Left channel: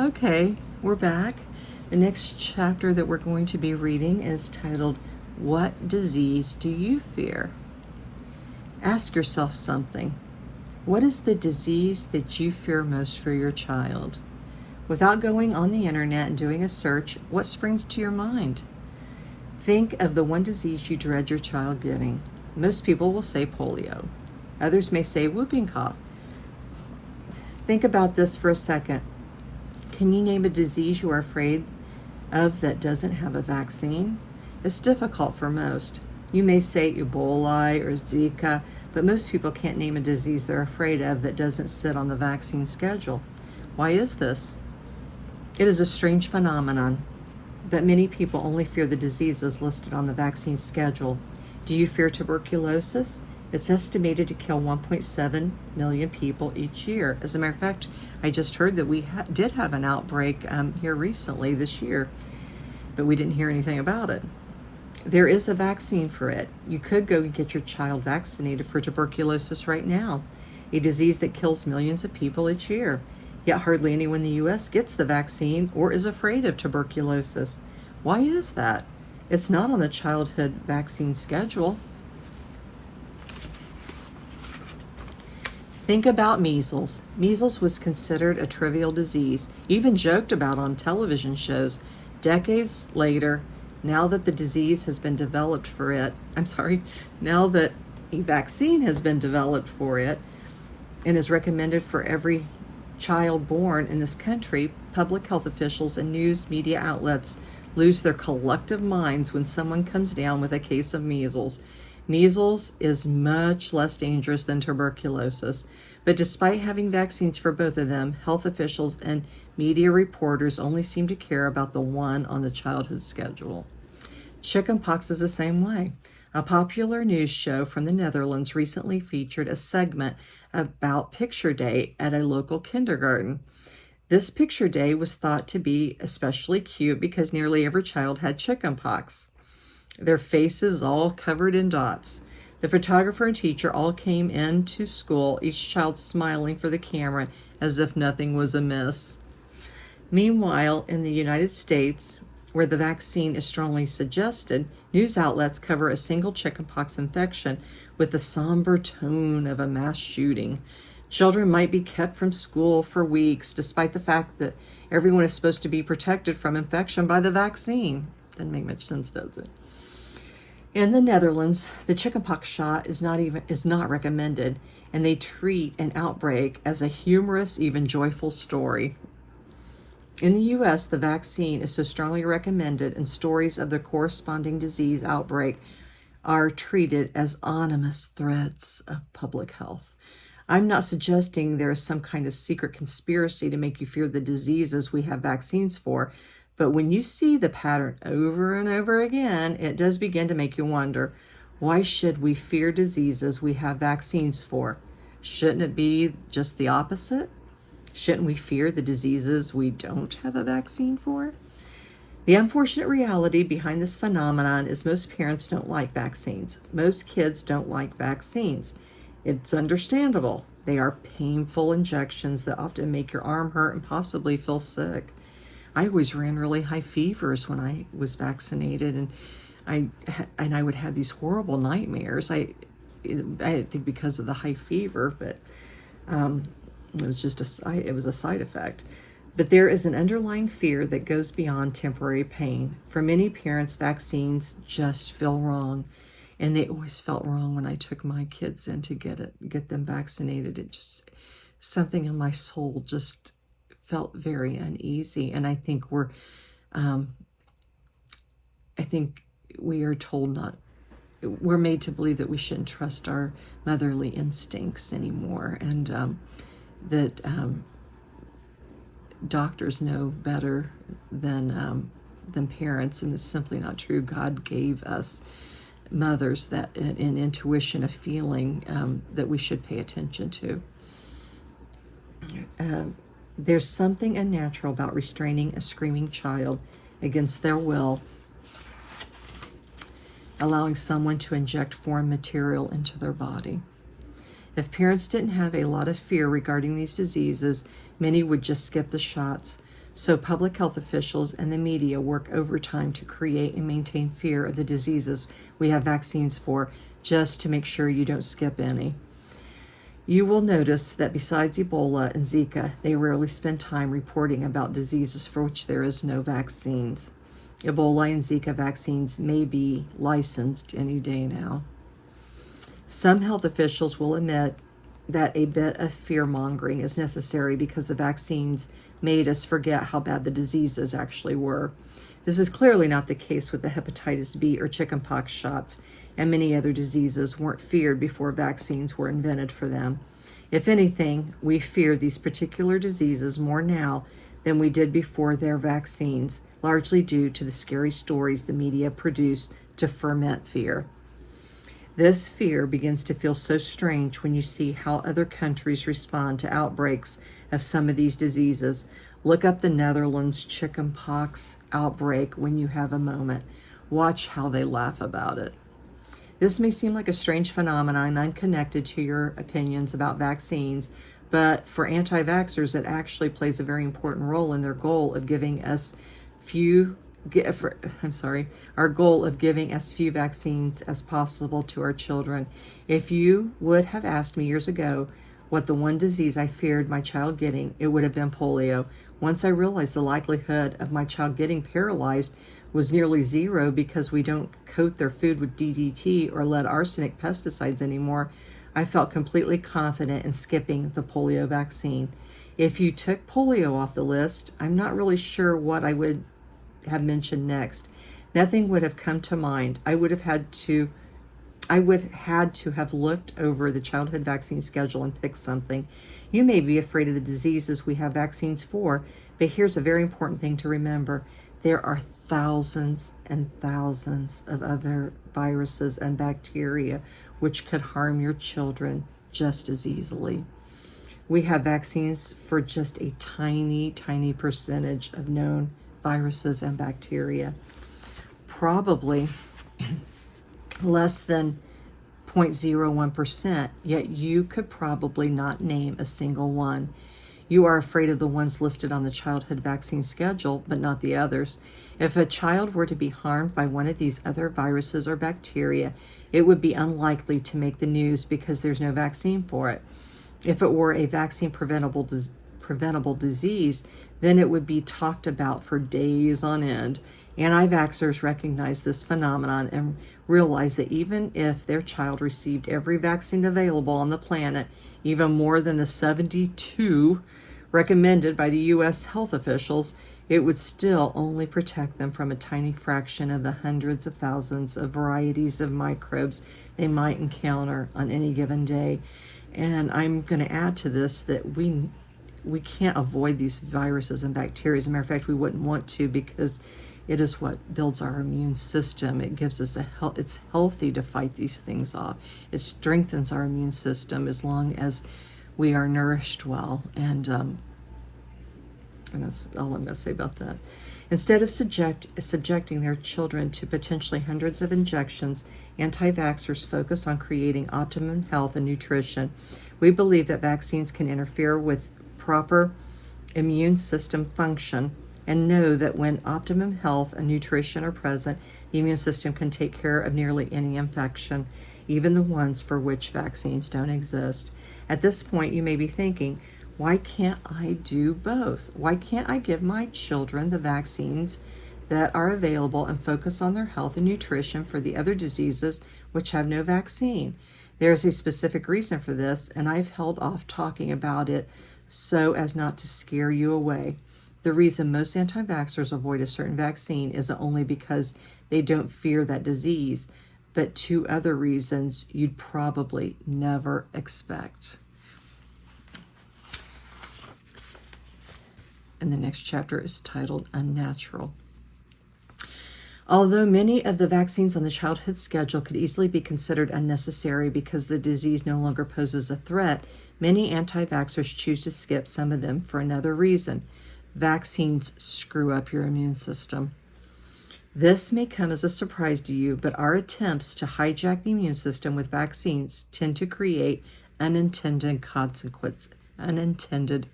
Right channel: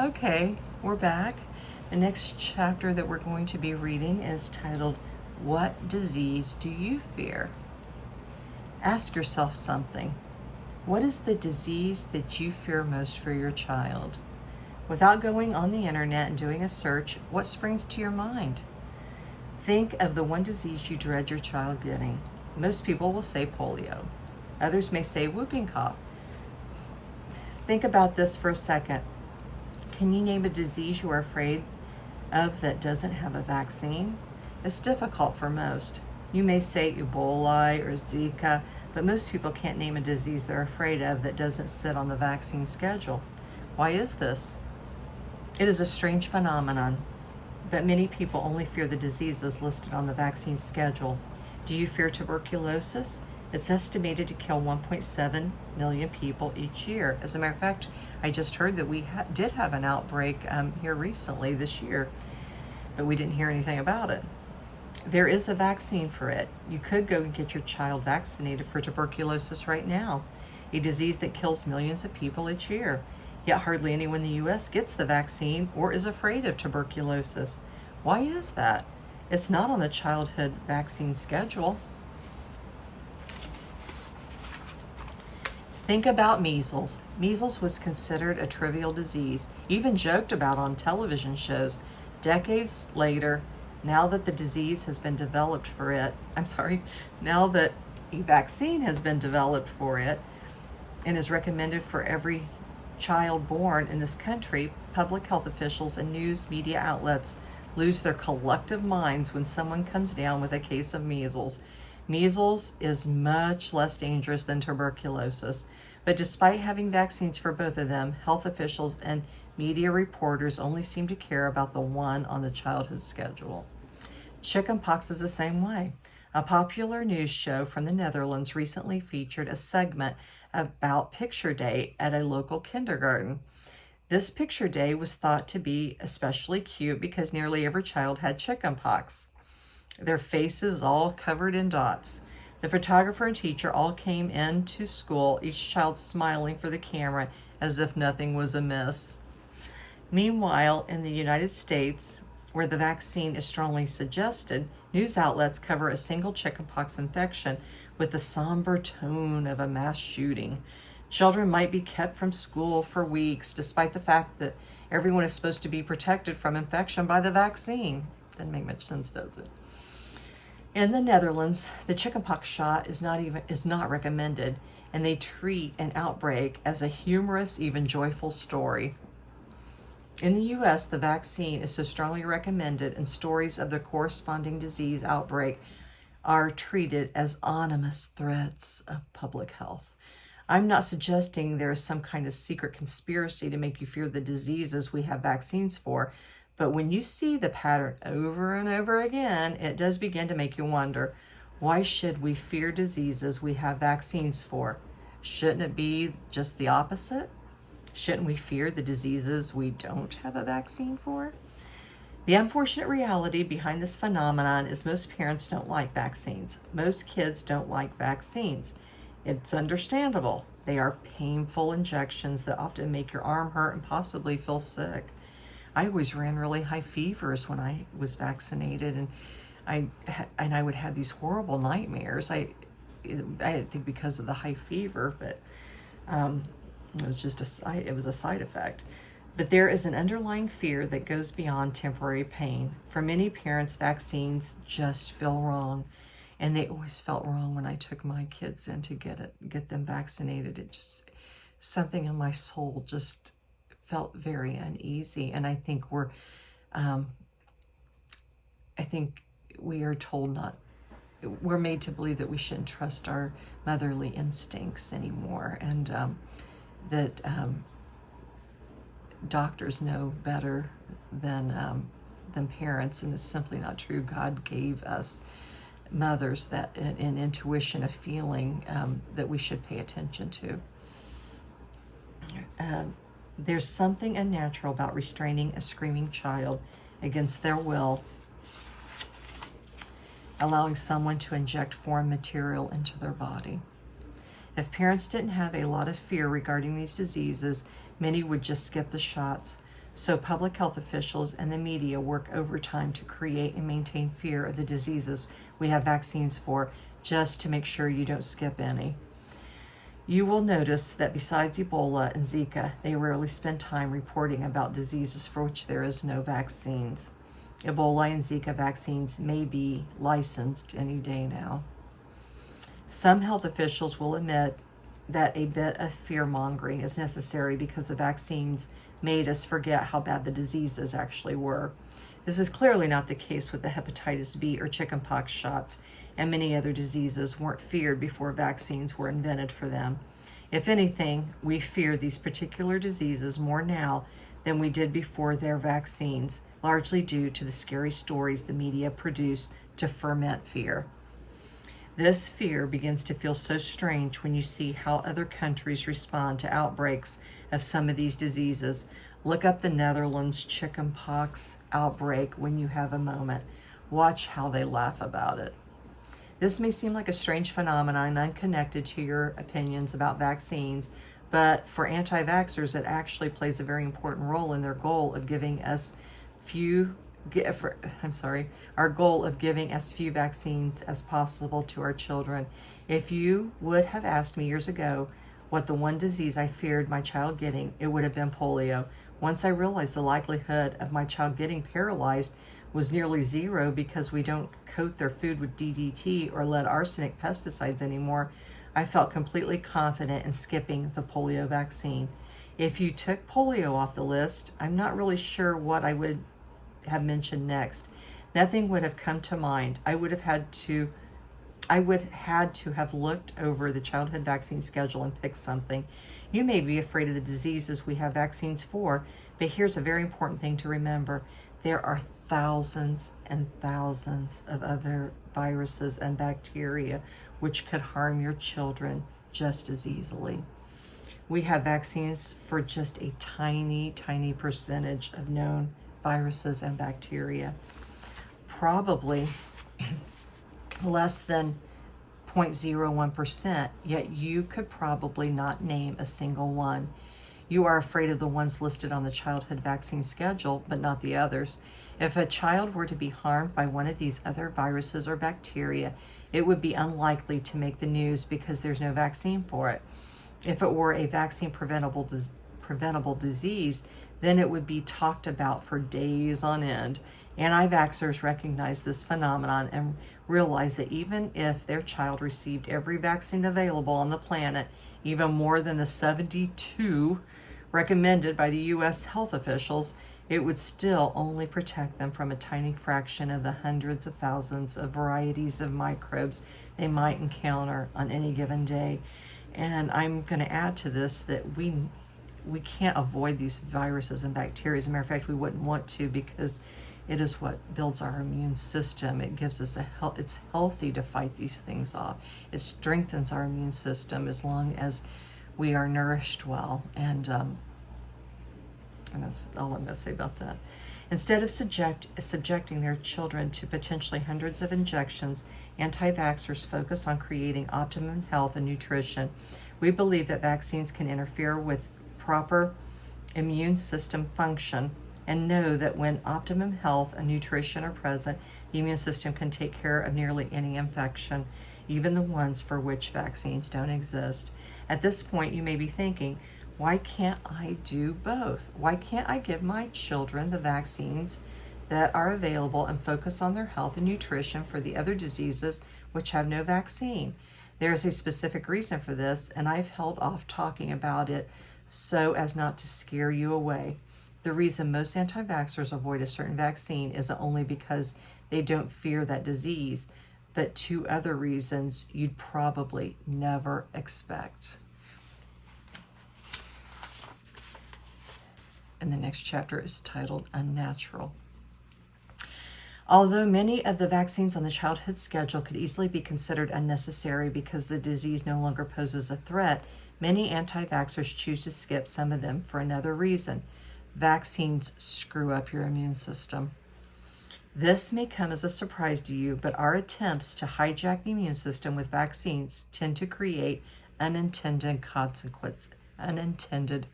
Okay, we're back. The next chapter that we're going to be reading is titled, What Disease Do You Fear? Ask yourself something. What is the disease that you fear most for your child? Without going on the internet and doing a search, what springs to your mind? Think of the one disease you dread your child getting. Most people will say polio. Others may say whooping cough. Think about this for a second. Can you name a disease you are afraid of that doesn't have a vaccine? It's difficult for most. You may say Ebola or Zika, but most people can't name a disease they're afraid of that doesn't sit on the vaccine schedule. Why is this? It is a strange phenomenon, but many people only fear the diseases listed on the vaccine schedule. Do you fear tuberculosis? It's estimated to kill 1.7 million people each year. As a matter of fact, I just heard that we did have an outbreak here recently this year, but we didn't hear anything about it. There is a vaccine for it. You could go and get your child vaccinated for tuberculosis right now, a disease that kills millions of people each year. Yet hardly anyone in the U.S. gets the vaccine or is afraid of tuberculosis. Why is that? It's not on the childhood vaccine schedule. Think about measles. Measles was considered a trivial disease, even joked about on television shows. Decades later, now that the disease has been developed for it, now that a vaccine has been developed for it and is recommended for every child born in this country, public health officials and news media outlets lose their collective minds when someone comes down with a case of measles. Measles is much less dangerous than tuberculosis, but despite having vaccines for both of them, health officials and media reporters only seem to care about the one on the childhood schedule. Chickenpox is the same way. A popular news show from the Netherlands recently featured a segment about Picture Day at a local kindergarten. This Picture Day was thought to be especially cute because nearly every child had chickenpox, their faces all covered in dots. The photographer and teacher all came into school, each child smiling for the camera as if nothing was amiss. Meanwhile, in the United States, where the vaccine is strongly suggested, news outlets cover a single chickenpox infection with the somber tone of a mass shooting. Children might be kept from school for weeks, despite the fact that everyone is supposed to be protected from infection by the vaccine. Doesn't make much sense, does it? In the Netherlands, the chickenpox shot is not recommended, and they treat an outbreak as a humorous, even joyful story. In the U.S., the vaccine is so strongly recommended, and stories of the corresponding disease outbreak are treated as ominous threats of public health. I'm not suggesting there is some kind of secret conspiracy to make you fear the diseases we have vaccines for, but when you see the pattern over and over again, it does begin to make you wonder, why should we fear diseases we have vaccines for? Shouldn't it be just the opposite? Shouldn't we fear the diseases we don't have a vaccine for? The unfortunate reality behind this phenomenon is most parents don't like vaccines. Most kids don't like vaccines. It's understandable. They are painful injections that often make your arm hurt and possibly feel sick. I always ran really high fevers when I was vaccinated, and I would have these horrible nightmares. I think because of the high fever, but it was just it was a side effect. But there is an underlying fear that goes beyond temporary pain. For many parents, vaccines just feel wrong, and they always felt wrong when I took my kids in to get them vaccinated. It just, something in my soul just felt very uneasy. And I think we are told we're made to believe that we shouldn't trust our motherly instincts anymore, and that doctors know better than parents, and it's simply not true. God gave us mothers that an intuition, a feeling that we should pay attention to. There's something unnatural about restraining a screaming child against their will, allowing someone to inject foreign material into their body. If parents didn't have a lot of fear regarding these diseases, many would just skip the shots. So public health officials and the media work overtime to create and maintain fear of the diseases we have vaccines for, just to make sure you don't skip any. You will notice that besides Ebola and Zika, they rarely spend time reporting about diseases for which there is no vaccines. Ebola and Zika vaccines may be licensed any day now. Some health officials will admit that a bit of fear-mongering is necessary because the vaccines made us forget how bad the diseases actually were. This is clearly not the case with the hepatitis B or chickenpox shots, and many other diseases weren't feared before vaccines were invented for them. If anything, we fear these particular diseases more now than we did before their vaccines, largely due to the scary stories the media produce to ferment fear. This fear begins to feel so strange when you see how other countries respond to outbreaks of some of these diseases. Look up the Netherlands chickenpox outbreak when you have a moment. Watch how they laugh about it. This may seem like a strange phenomenon unconnected to your opinions about vaccines, but for anti-vaxxers, it actually plays a very important role in their goal of giving us our goal of giving as few vaccines as possible to our children. If you would have asked me years ago what the one disease I feared my child getting, it would have been polio. Once I realized the likelihood of my child getting paralyzed was nearly zero because we don't coat their food with DDT or lead arsenic pesticides anymore, I felt completely confident in skipping the polio vaccine. If you took polio off the list, I'm not really sure what I would have mentioned next. Nothing would have come to mind. I would have had to have looked over the childhood vaccine schedule and picked something. You may be afraid of the diseases we have vaccines for, but here's a very important thing to remember. There are thousands and thousands of other viruses and bacteria which could harm your children just as easily. We have vaccines for just a tiny, tiny percentage of known viruses and bacteria. Probably less than 0.01%, yet you could probably not name a single one. You are afraid of the ones listed on the childhood vaccine schedule, but not the others. If a child were to be harmed by one of these other viruses or bacteria, it would be unlikely to make the news because there's no vaccine for it. If it were a vaccine preventable disease, then it would be talked about for days on end. Anti-vaxxers recognize this phenomenon and realize that even if their child received every vaccine available on the planet, even more than the 72 recommended by the U.S. health officials, it would still only protect them from a tiny fraction of the hundreds of thousands of varieties of microbes they might encounter on any given day. And I'm going to add to this that we can't avoid these viruses and bacteria. As a matter of fact, we wouldn't want to, because it is what builds our immune system. It gives us it's healthy to fight these things off. It strengthens our immune system as long as we are nourished well. And that's all I'm going to say about that. Instead of subjecting their children to potentially hundreds of injections, anti-vaxxers focus on creating optimum health and nutrition. We believe that vaccines can interfere with proper immune system function, and know that when optimum health and nutrition are present, the immune system can take care of nearly any infection, even the ones for which vaccines don't exist. At this point, you may be thinking, why can't I do both? Why can't I give my children the vaccines that are available and focus on their health and nutrition for the other diseases which have no vaccine? There is a specific reason for this, and I've held off talking about it so as not to scare you away. The reason most anti-vaxxers avoid a certain vaccine isn't only because they don't fear that disease, but two other reasons you'd probably never expect. And the next chapter is titled Unnatural. Although many of the vaccines on the childhood schedule could easily be considered unnecessary because the disease no longer poses a threat, many anti-vaxxers choose to skip some of them for another reason. Vaccines screw up your immune system. This may come as a surprise to you, but our attempts to hijack the immune system with vaccines tend to create unintended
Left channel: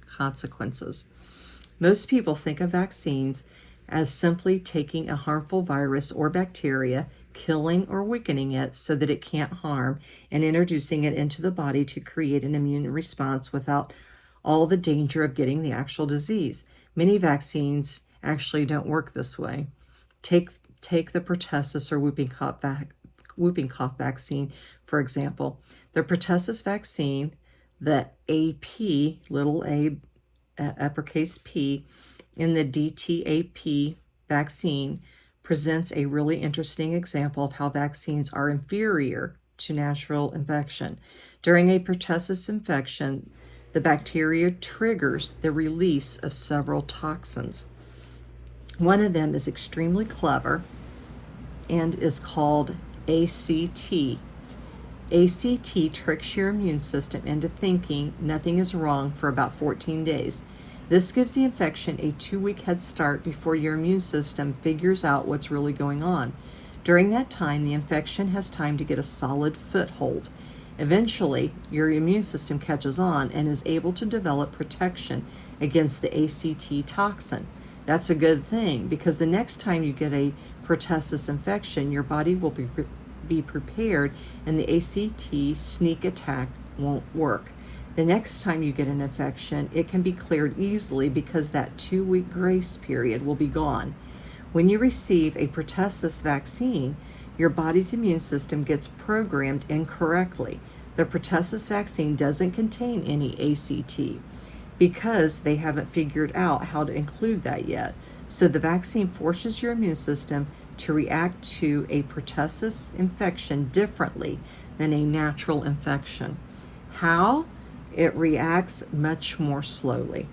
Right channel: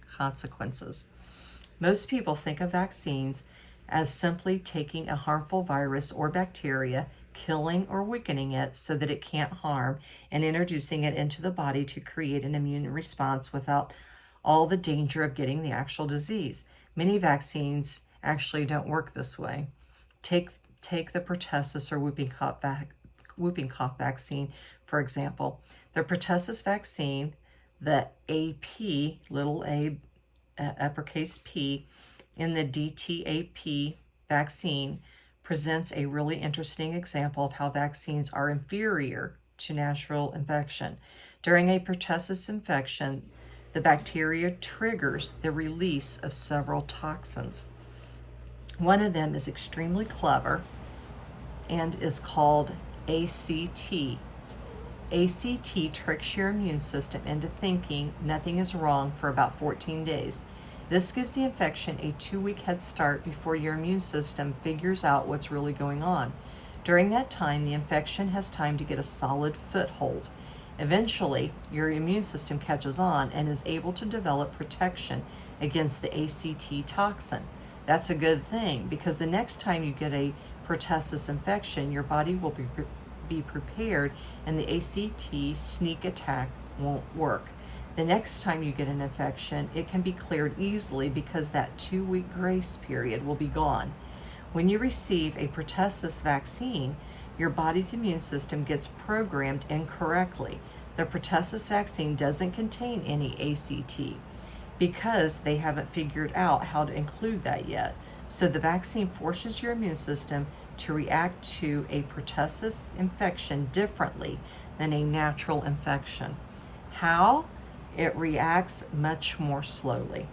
consequences. Most people think of vaccines as simply taking a harmful virus or bacteria, killing or weakening it so that it can't harm, and introducing it into the body to create an immune response without all the danger of getting the actual disease. Many vaccines actually don't work this way. Take the pertussis or whooping cough vaccine, for example. The pertussis vaccine, the AP, little a, uppercase P, in the DTaP vaccine presents a really interesting example of how vaccines are inferior to natural infection. During a pertussis infection, the bacteria triggers the release of several toxins. One of them is extremely clever and is called ACT. ACT tricks your immune system into thinking nothing is wrong for about 14 days. This gives the infection a 2-week head start before your immune system figures out what's really going on. During that time, the infection has time to get a solid foothold. Eventually, your immune system catches on and is able to develop protection against the ACT toxin. That's a good thing, because the next time you get a pertussis infection, your body will be prepared and the ACT sneak attack won't work. The next time you get an infection, it can be cleared easily because that 2-week grace period will be gone. When you receive a pertussis vaccine, your body's immune system gets programmed incorrectly. The pertussis vaccine doesn't contain any ACT because they haven't figured out how to include that yet. So the vaccine forces your immune system to react to a pertussis infection differently than a natural infection. How? It reacts much more slowly.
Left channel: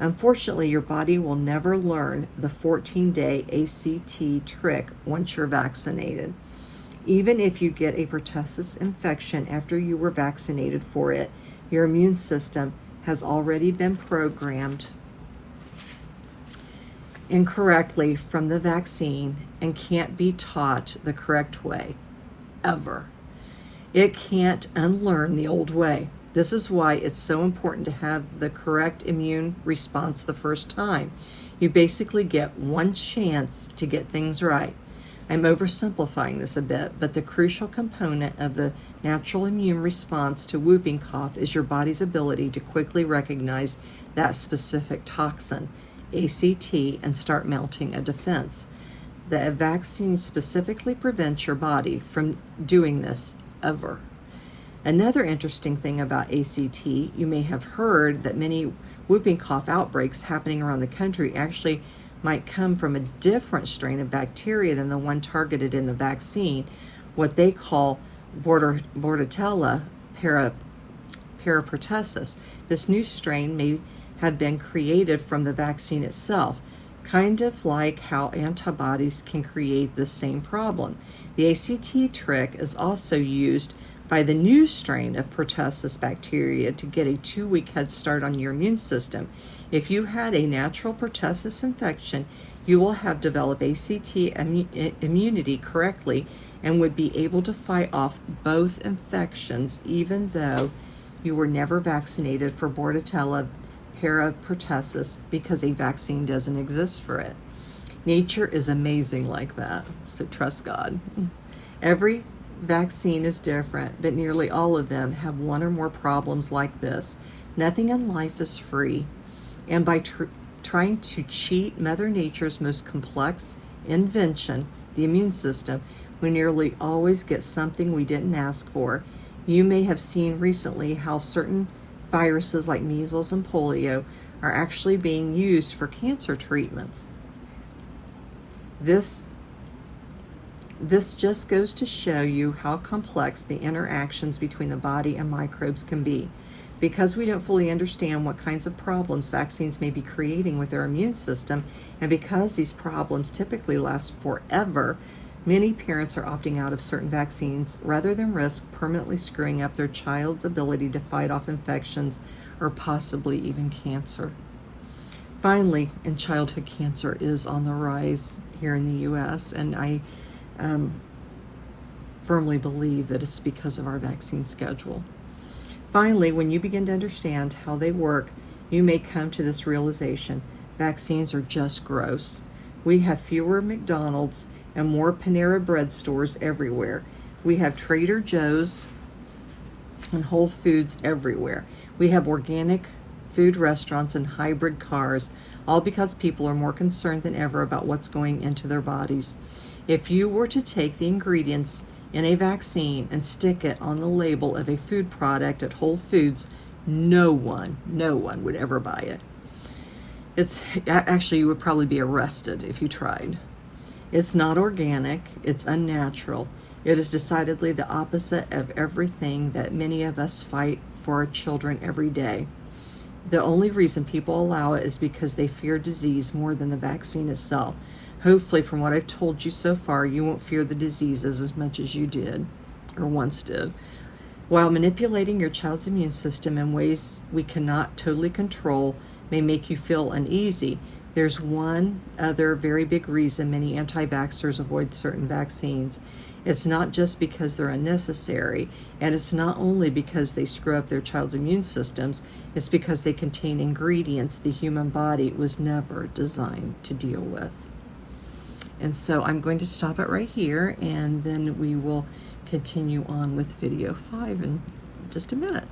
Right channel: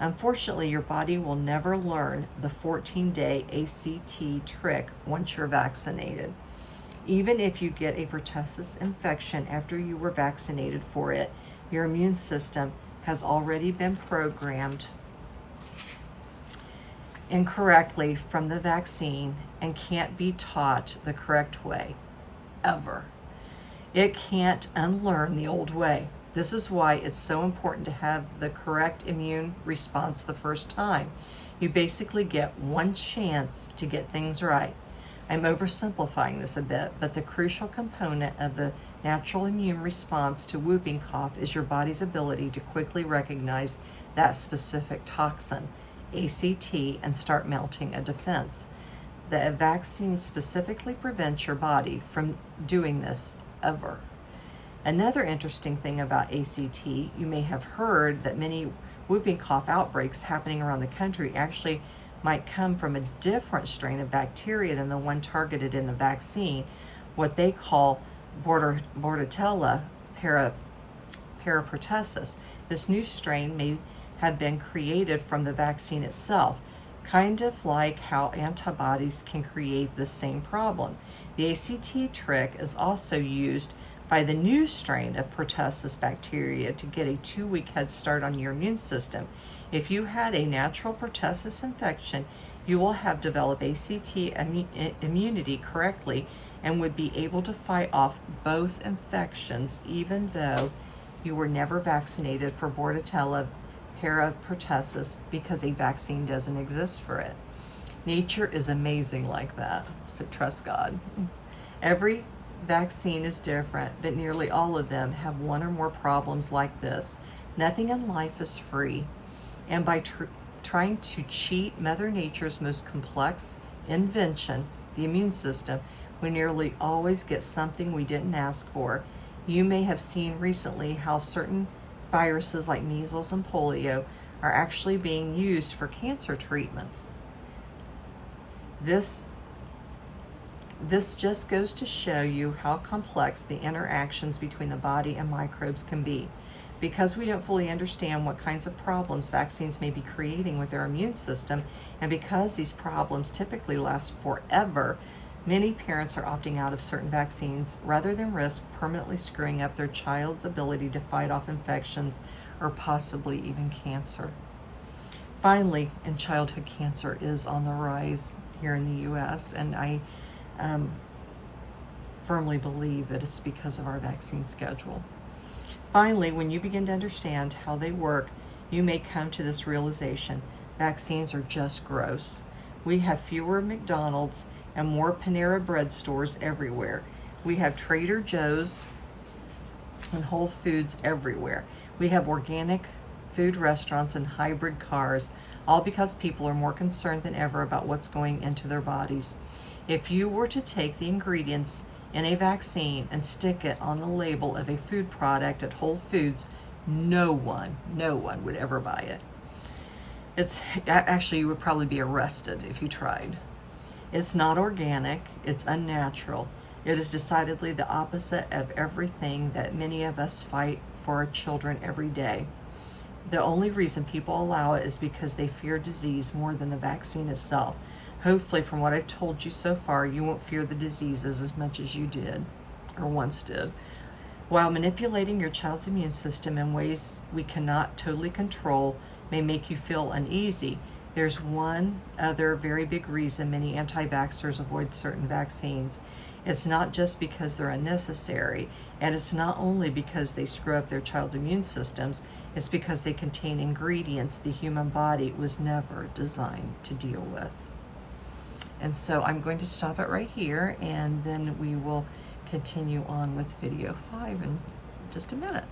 Unfortunately, your body will never learn the 14-day ACT trick once you're vaccinated. Even if you get a pertussis infection after you were vaccinated for it, your immune system has already been programmed incorrectly from the vaccine and can't be taught the correct way, ever. It can't unlearn the old way. This is why it's so important to have the correct immune response the first time. You basically get one chance to get things right. I'm oversimplifying this a bit, but the crucial component of the natural immune response to whooping cough is your body's ability to quickly recognize that specific toxin, ACT, and start mounting a defense. The vaccine specifically prevents your body from doing this ever. Another interesting thing about ACT, you may have heard that many whooping cough outbreaks happening around the country actually might come from a different strain of bacteria than the one targeted in the vaccine, what they call Bordetella parapertussis. This new strain may have been created from the vaccine itself, kind of like how antibodies can create the same problem. The ACT trick is also used by the new strain of pertussis bacteria to get a 2-week head start on your immune system. If you had a natural pertussis infection, you will have developed ACT immunity correctly and would be able to fight off both infections even though you were never vaccinated for Bordetella parapertussis because a vaccine doesn't exist for it. Nature is amazing like that, so trust God. Every vaccine is different, but nearly all of them have one or more problems like this. Nothing in life is free, and by trying to cheat Mother Nature's most complex invention, the immune system, we nearly always get something we didn't ask for. You may have seen recently how certain viruses like measles and polio are actually being used for cancer treatments. This just goes to show you how complex the interactions between the body and microbes can be. Because we don't fully understand what kinds of problems vaccines may be creating with our immune system, and because these problems typically last forever, many parents are opting out of certain vaccines rather than risk permanently screwing up their child's ability to fight off infections or possibly even cancer. Finally, and childhood cancer is on the rise here in the U.S., and I firmly believe that it's because of our vaccine schedule. Finally, when you begin to understand how they work, you may come to this realization. vaccines are just gross. We have fewer McDonald's and more Panera Bread stores everywhere. We have Trader Joe's and Whole Foods everywhere. We have organic food restaurants and hybrid cars, all because people are more concerned than ever about what's going into their bodies. If you were to take the ingredients in a vaccine and stick it on the label of a food product at Whole Foods, no one would ever buy it. It's actually, you would probably be arrested if you tried. It's not organic, it's unnatural. It is decidedly the opposite of everything that many of us fight for our children every day. The only reason people allow it is because they fear disease more than the vaccine itself. Hopefully, from what I've told you so far, you won't fear the diseases as much as you did, or once did. While manipulating your child's immune system in ways we cannot totally control may make you feel uneasy, there's one other very big reason many anti-vaxxers avoid certain vaccines. It's not just because they're unnecessary, and it's not only because they screw up their child's immune systems, it's because they contain ingredients the human body was never designed to deal with. And so I'm going to stop it right here, and then we will continue on with video 5 in just a minute.